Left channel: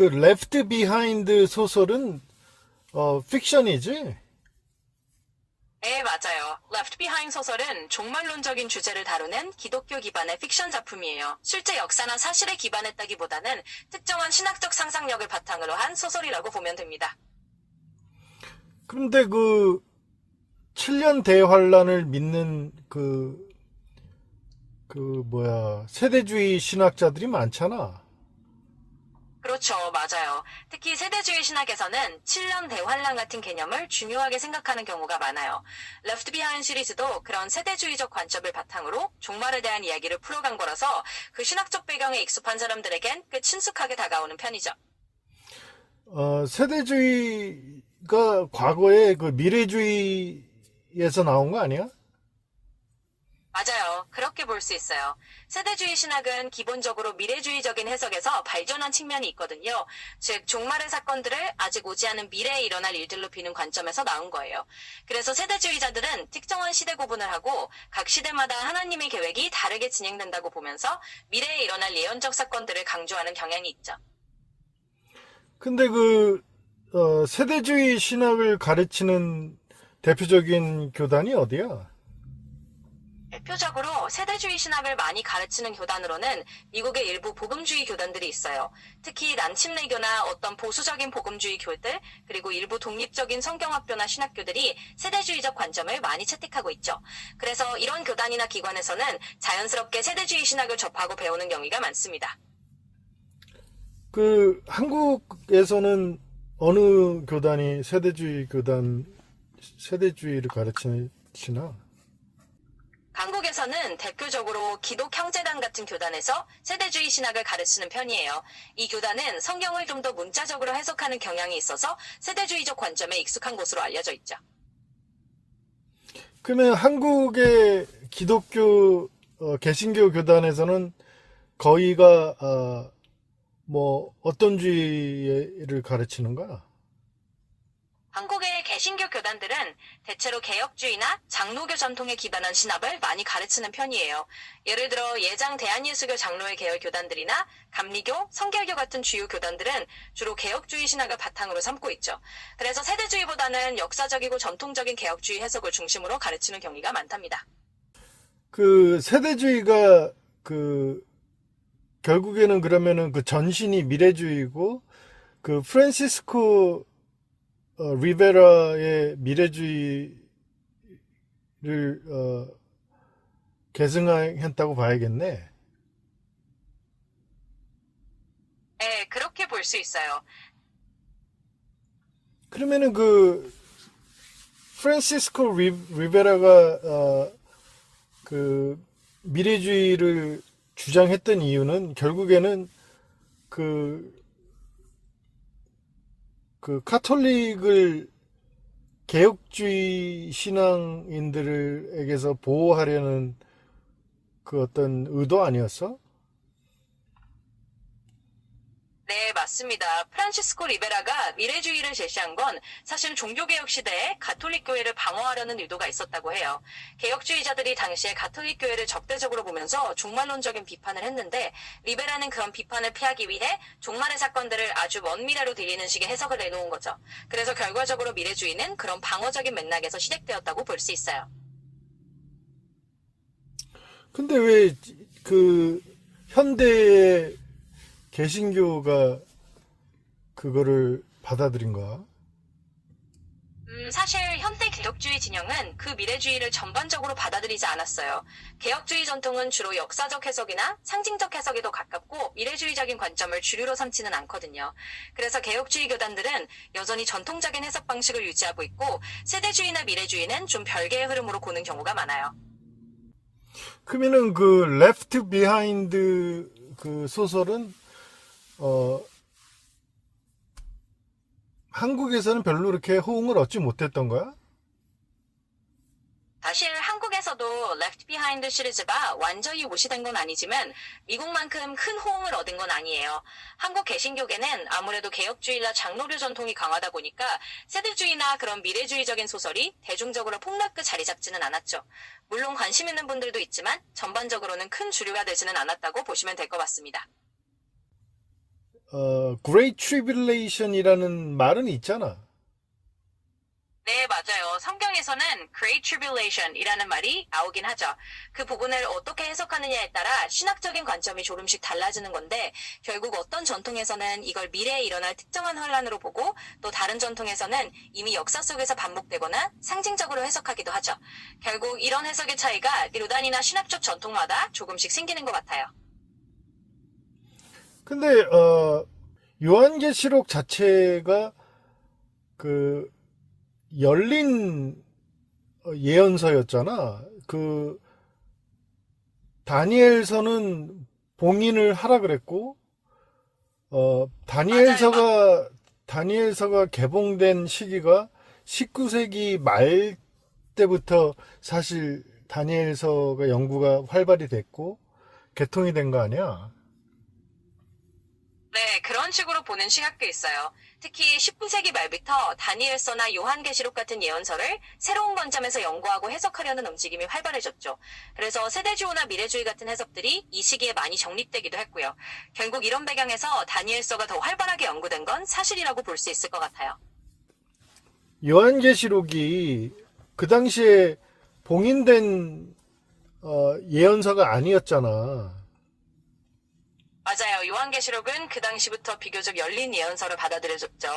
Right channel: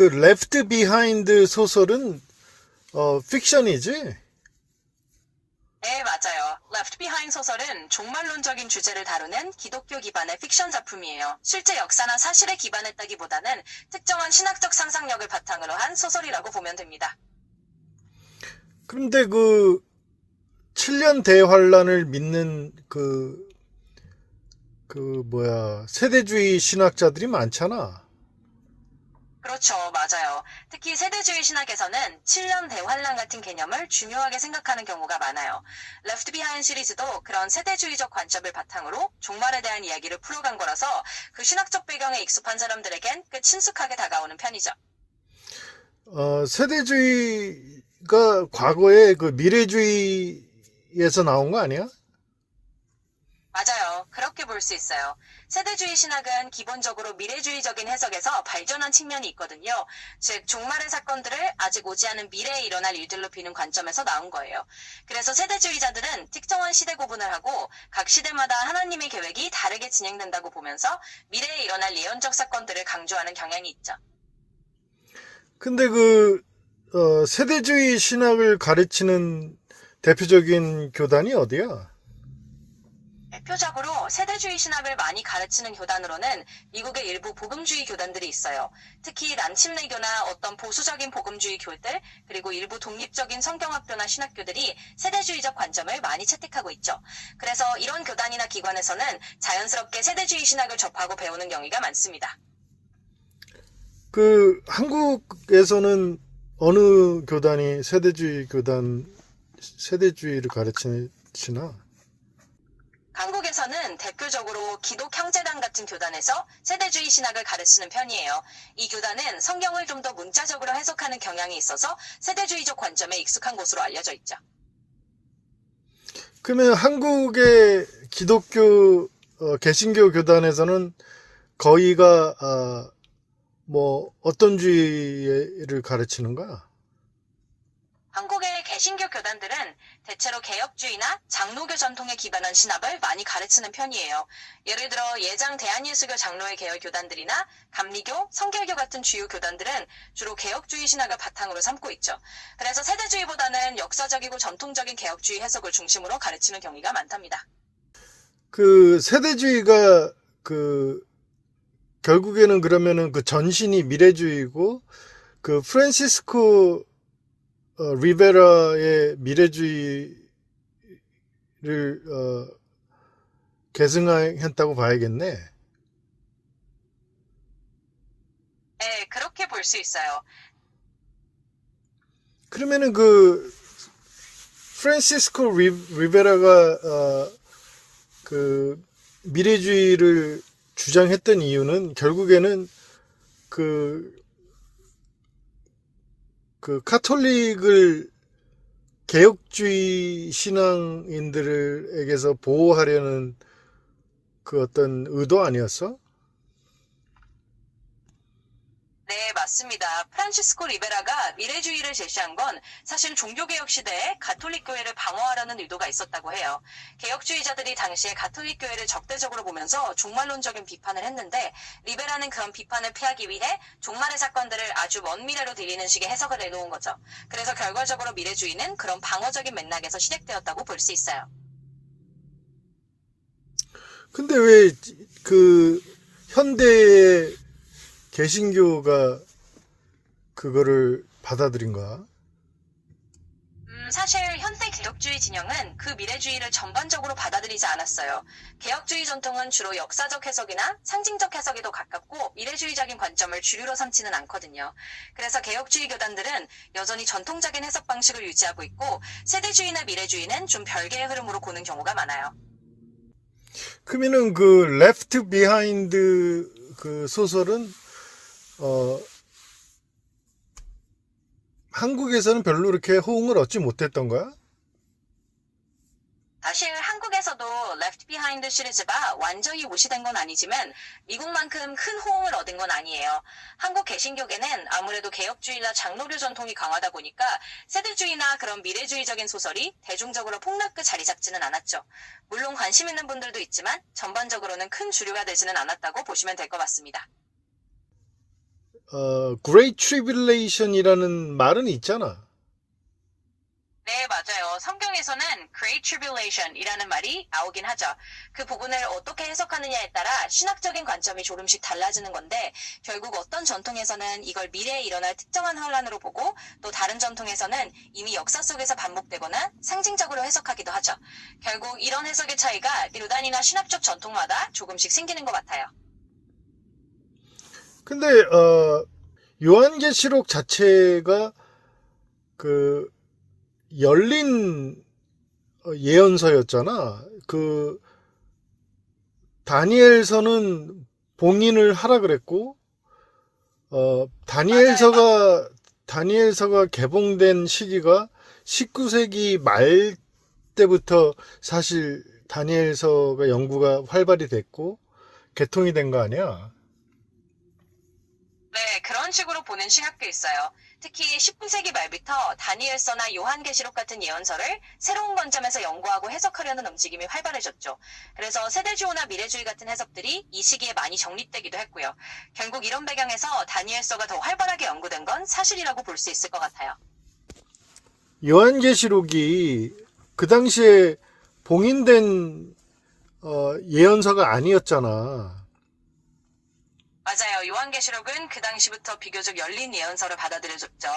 그 레프트 비하인드 소설은 픽션이지? 네, 맞아요. Left Behind 소설은 종말론적인 주제를 다루는 기독교 기반의 픽션 작품이에요. 실제 역사나 사실에 기반했다기보다는 특정한 신학적 상상력을 바탕으로 한 소설이라고 보면 됩니다. 그런데 그 7년 대환란을 믿는 세대주의 신학자들이 많잖아. 그렇죠, 맞아요. 특히 세대주의 신학에서는 7년 대환란 같은 개념을 중요하게 생각하는 경우가 많아요. Left Behind 시리즈도 그런 세대주의적 관점을 바탕으로 종말에 대한 이야기를 풀어간 거라서 그 신학적 배경에 익숙한 사람들에겐 꽤 친숙하게 다가오는 편이죠. 세대주의가 과거에 그 미래주의에서 나온 거 아니야? 맞아요. 그렇게 볼 수 있어요. 세대주의 신학은 기본적으로 미래주의적인 해석에서 발전한 측면이 있거든요. 즉, 종말의 사건들을 아직 오지 않은 미래에 일어날 일들로 비는 관점에서 나온 거예요. 그래서 세대주의자들은 특정한 시대 구분을 하고 각 시대마다 하나님의 계획이 다르게 진행된다고 보면서 미래에 일어날 예언적 사건들을 강조하는 경향이 있죠. 근데 세대주의 신학을 가르치는 대표적인 교단이 어디야? 대표적으로 세대주의 신학을 많이 가르치는 교단으로는 미국의 일부 복음주의 교단들이 있어요. 특히 남침내교나 어떤 보수적인 복음주의 교들, 그리고 일부 독립적인 성경학교나 신학교들이 세대주의적 관점을 많이 채택하고 있죠. 그래서 이런 교단이나 기관에서는 자연스럽게 세대주의 신학을 접하고 배우는 경우가 많습니다. 그 한국에서는 어느 교단이 세대주의를 가르치나? 한국에서는 대표적으로 기독형제단 같은 교단에서 세대주의 신학을 가르치는 편이에요. 이 교단은 성경을 좀 더 문자적으로 해석하는 경향이 있어서 세대주의적 관점에 익숙한 곳으로 알려져 있죠. 그러면 한국의 기독교 개신교 교단에서는 거의가 어떤 주의를 가르치는 거야? 한국의 개신교 교단들은 대체로 개혁주의나 장로교 전통에 기반한 신학을 많이 가르치는 편이에요. 예를 들어 예장 대한예수교 장로의 계열 교단들이나 감리교, 성결교 같은 주요 교단들은 주로 개혁주의 신학을 바탕으로 삼고 있죠. 그래서 세대주의보다는 역사적이고 전통적인 개혁주의 해석을 중심으로 가르치는 경우가 많답니다. 그 세대주의가 결국에는 그러면은 그 전신이 미래주의고 그 프란시스코 리베라의 미래주의를 계승했다고 봐야겠네. 네, 그렇게 볼 수 있어요. 그러면은 그 프란시스코 리베라가 그 미래주의를 주장했던 이유는 결국에는 그 카톨릭을 개혁주의 신앙인들에게서 보호하려는 그 어떤 의도 아니었어? 네, 맞습니다. 프란시스코 리베라가 미래주의를 제시한 건 사실 종교개혁 시대에 가톨릭 교회를 방어하려는 의도가 있었다고 해요. 개혁주의자들이 당시에 가톨릭 교회를 적대적으로 보면서 종말론적인 비판을 했는데 리베라는 그런 비판을 피하기 위해 종말의 사건들을 아주 먼 미래로 들리는 식의 해석을 내놓은 거죠. 그래서 결과적으로 미래주의는 그런 방어적인 맥락에서 시작되었다고 볼 수 있어요. 근데 왜 그 현대의 개신교가 그거를 받아들인 거야? 사실 현대 개혁주의 진영은 그 미래주의를 전반적으로 받아들이지 않았어요. 개혁주의 전통은 주로 역사적 해석이나 상징적 해석에 더 가깝고 미래주의적인 관점을 주류로 삼지는 않거든요. 그래서 개혁주의 교단들은 여전히 전통적인 해석 방식을 유지하고 있고 세대주의나 미래주의는 좀 별개의 흐름으로 보는 경우가 많아요. 그러면은 그 레프트 비하인드 그 소설은 한국에서는 별로 그렇게 호응을 얻지 못했던 거야? 사실 한국에서도 Left Behind 시리즈가 완전히 무시된 건 아니지만 미국만큼 큰 호응을 얻은 건 아니에요. 한국 개신교계는 아무래도 개혁주의나 장로교 전통이 강하다 보니까 세대주의나 그런 미래주의적인 소설이 대중적으로 폭넓게 자리 잡지는 않았죠. 물론 관심 있는 분들도 있지만 전반적으로는 큰 주류가 되지는 않았다고 보시면 될 것 같습니다. Great Tribulation이라는 말은 있잖아. 네, 맞아요. 성경에서는 Great Tribulation이라는 말이 나오긴 하죠. 그 부분을 어떻게 해석하느냐에 따라 신학적인 관점이 조금씩 달라지는 건데 결국 어떤 전통에서는 이걸 미래에 일어날 특정한 환란으로 보고 또 다른 전통에서는 이미 역사 속에서 반복되거나 상징적으로 해석하기도 하죠. 결국 이런 해석의 차이가 이단이나 신학적 전통마다 조금씩 생기는 것 같아요. 근데 요한계시록 자체가 그 열린 예언서였잖아. 그 다니엘서는 봉인을 하라 그랬고 다니엘서가 개봉된 시기가 19세기 말 때부터 사실 다니엘서가 연구가 활발히 됐고 개통이 된 거 아니야? 네, 그런 식으로 보는 시각도 있어요. 특히 19세기 말부터 다니엘서나 요한계시록 같은 예언서를 새로운 관점에서 연구하고 해석하려는 움직임이 활발해졌죠. 그래서 세대주의나 미래주의 같은 해석들이 이 시기에 많이 정립되기도 했고요. 결국 이런 배경에서 다니엘서가 더 활발하게 연구된 건 사실이라고 볼 수 있을 것 같아요. 요한계시록이 그 당시에 봉인된 예언서가 아니었잖아. 맞아요. 요한계시록은 그 당시부터 비교적 열린 예언서로 받아들여졌죠.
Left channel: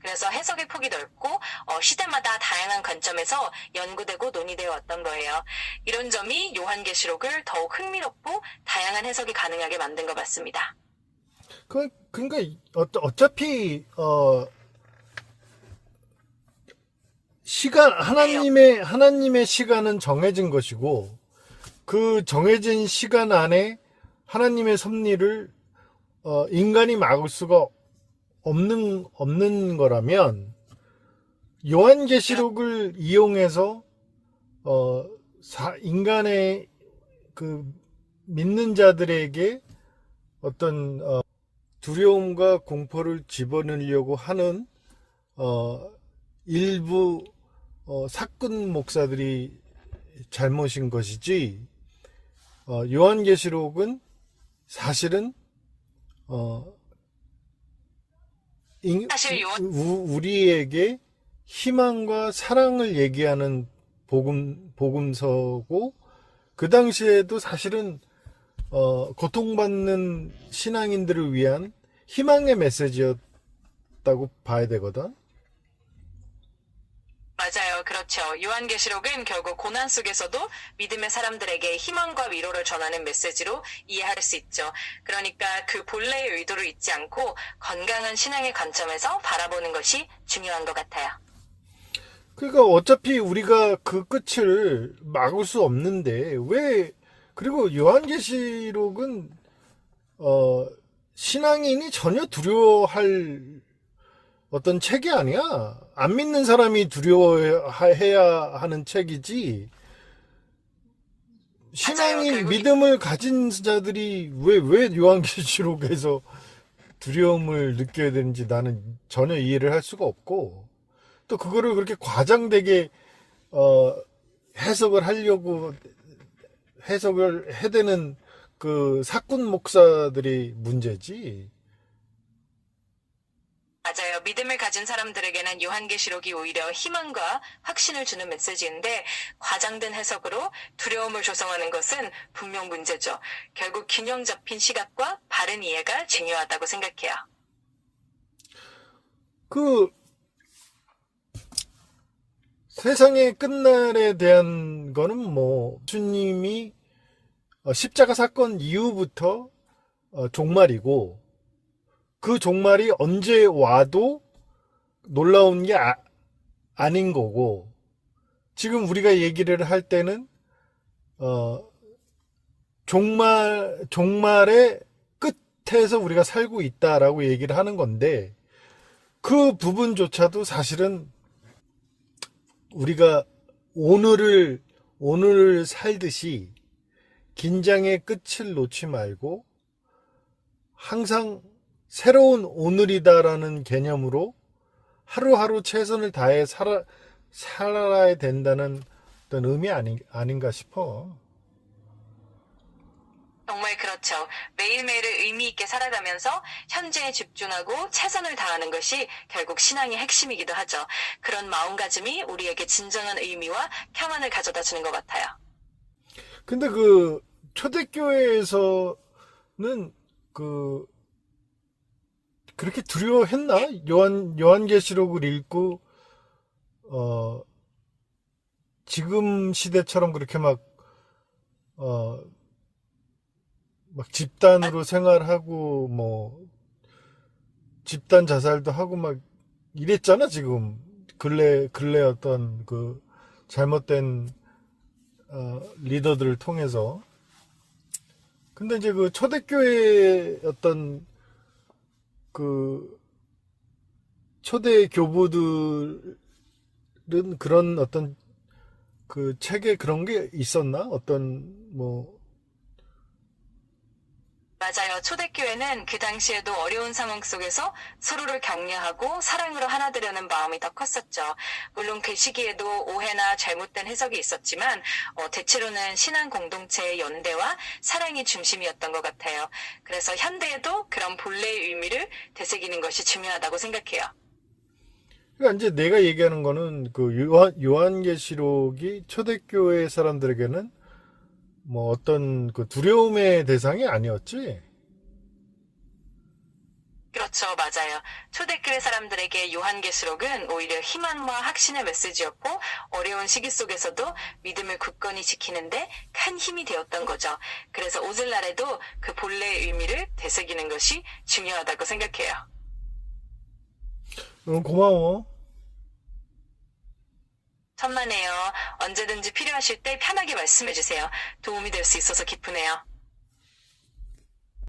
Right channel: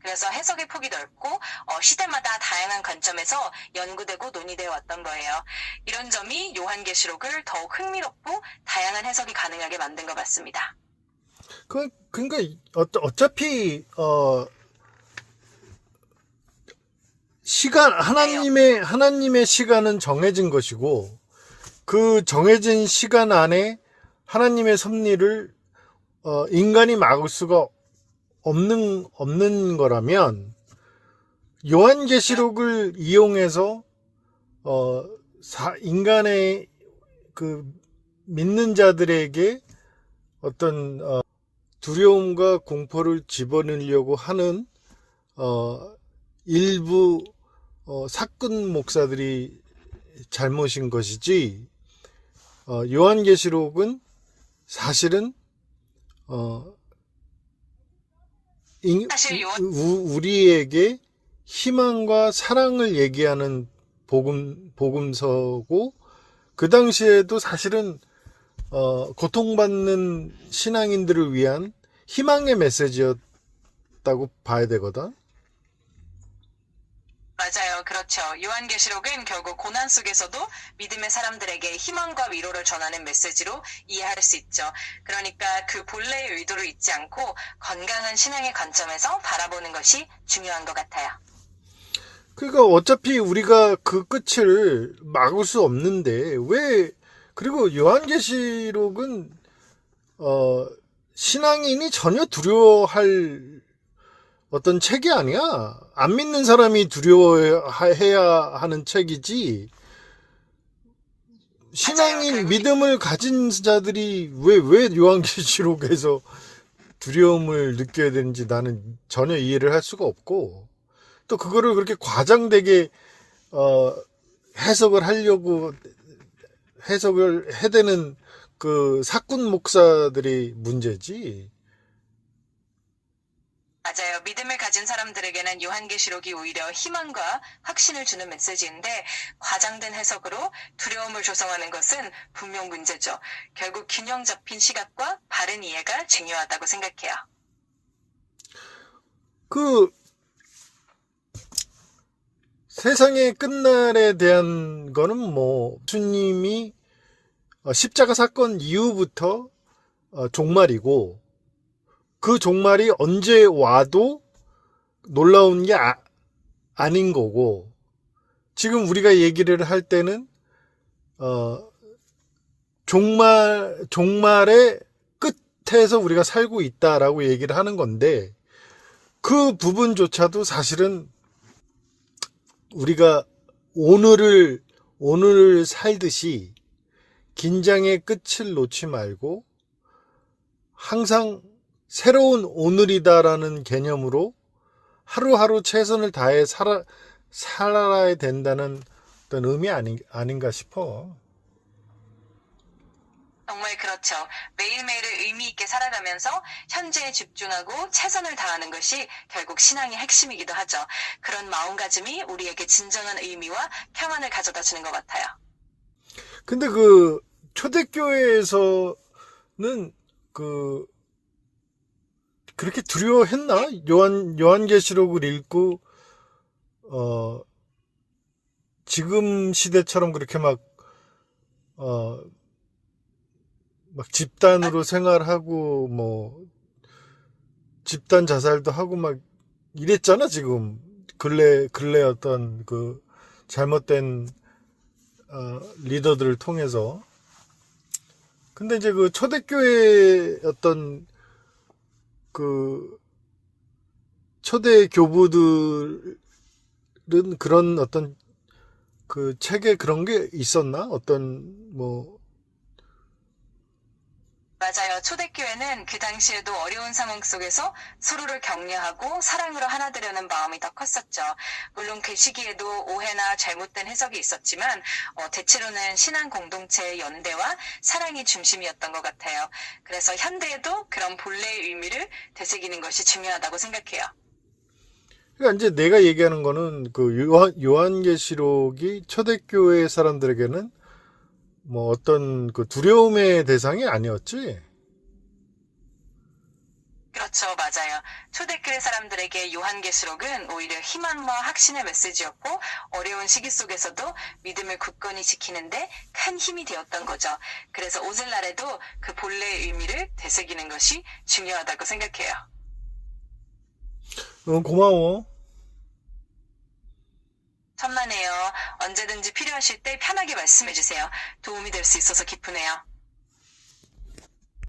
그래서 해석의 폭이 넓고 시대마다 다양한 관점에서 연구되고 논의되어 왔던 거예요. 이런 점이 요한계시록을 더욱 흥미롭고 다양한 해석이 가능하게 만든 것 같습니다. 그러니까 어차피 시간 하나님의 시간은 정해진 것이고 그 정해진 시간 안에 하나님의 섭리를 인간이 막을 수가 없는 거라면 요한계시록을 이용해서 인간의 그 믿는 자들에게 어떤 두려움과 공포를 집어넣으려고 하는 일부 사건 목사들이 잘못인 것이지 요한계시록은 사실은 우리에게 희망과 사랑을 얘기하는 복음서고 그 당시에도 사실은 고통받는 신앙인들을 위한 희망의 메시지였다고 봐야 되거든. 맞아요. 그렇죠. 요한계시록은 결국 고난 속에서도 믿음의 사람들에게 희망과 위로를 전하는 메시지로 이해할 수 있죠. 그러니까 그 본래의 의도를 잊지 않고 건강한 신앙의 관점에서 바라보는 것이 중요한 것 같아요. 그러니까 어차피 우리가 그 끝을 막을 수 없는데 그리고 요한계시록은 신앙인이 전혀 두려워할 어떤 책이 아니야. 안 믿는 사람이 두려워해야 하는 책이지. 신앙인 맞아요. 믿음을 가진 자들이 왜 요한계시록에서 두려움을 느껴야 되는지 나는 전혀 이해를 할 수가 없고 또 그거를 그렇게 과장되게 해석을 해대는 그 사꾼 목사들이 문제지. 맞아요. 믿음을 가진 사람들에게는 요한계시록이 오히려 희망과 확신을 주는 메시지인데 과장된 해석으로 두려움을 조성하는 것은 분명 문제죠. 결국 균형 잡힌 시각과 바른 이해가 중요하다고 생각해요. 그 세상의 끝날에 대한 거는 뭐 주님이 십자가 사건 이후부터 종말이고 그 종말이 언제 와도 놀라운 게 아닌 거고 지금 우리가 얘기를 할 때는 종말의 끝에서 우리가 살고 있다라고 얘기를 하는 건데 그 부분조차도 사실은 우리가 오늘을 살듯이 긴장의 끝을 놓지 말고 항상 새로운 오늘이다라는 개념으로 하루하루 최선을 다해 살아야 된다는 어떤 의미 아닌가 싶어. 정말 그렇죠. 매일매일을 의미 있게 살아가면서 현재에 집중하고 최선을 다하는 것이 결국 신앙의 핵심이기도 하죠. 그런 마음가짐이 우리에게 진정한 의미와 평안을 가져다 주는 것 같아요. 근데 그 초대교회에서는 그 그렇게 두려워했나? 요한계시록을 읽고 지금 시대처럼 그렇게 막 집단으로 생활하고 뭐 집단 자살도 하고 막 이랬잖아. 지금 근래 어떤 그 잘못된 리더들을 통해서. 근데 이제 그 초대교회 어떤 그 초대 교부들은 그런 어떤 그 책에 그런 게 있었나? 어떤 뭐 맞아요. 초대교회는 그 당시에도 어려운 상황 속에서 서로를 격려하고 사랑으로 하나 되려는 마음이 더 컸었죠. 물론 그 시기에도 오해나 잘못된 해석이 있었지만 대체로는 신앙 공동체의 연대와 사랑이 중심이었던 것 같아요. 그래서 현대에도 그런 본래의 의미를 되새기는 것이 중요하다고 생각해요. 그러니까 이제 내가 얘기하는 거는 그 요한계시록이 초대교회 사람들에게는 뭐 어떤 그 두려움의 대상이 아니었지. 그렇죠. 맞아요. 초대교회 사람들에게 요한계시록은 오히려 희망과 확신의 메시지였고 어려운 시기 속에서도 믿음을 굳건히 지키는데 큰 힘이 되었던 거죠. 그래서 오늘날에도 그 본래의 의미를 되새기는 것이 중요하다고 생각해요. 고마워. 천만에요. 언제든지 필요하실 때 편하게 말씀해 주세요. 도움이 될 수 있어서 기쁘네요.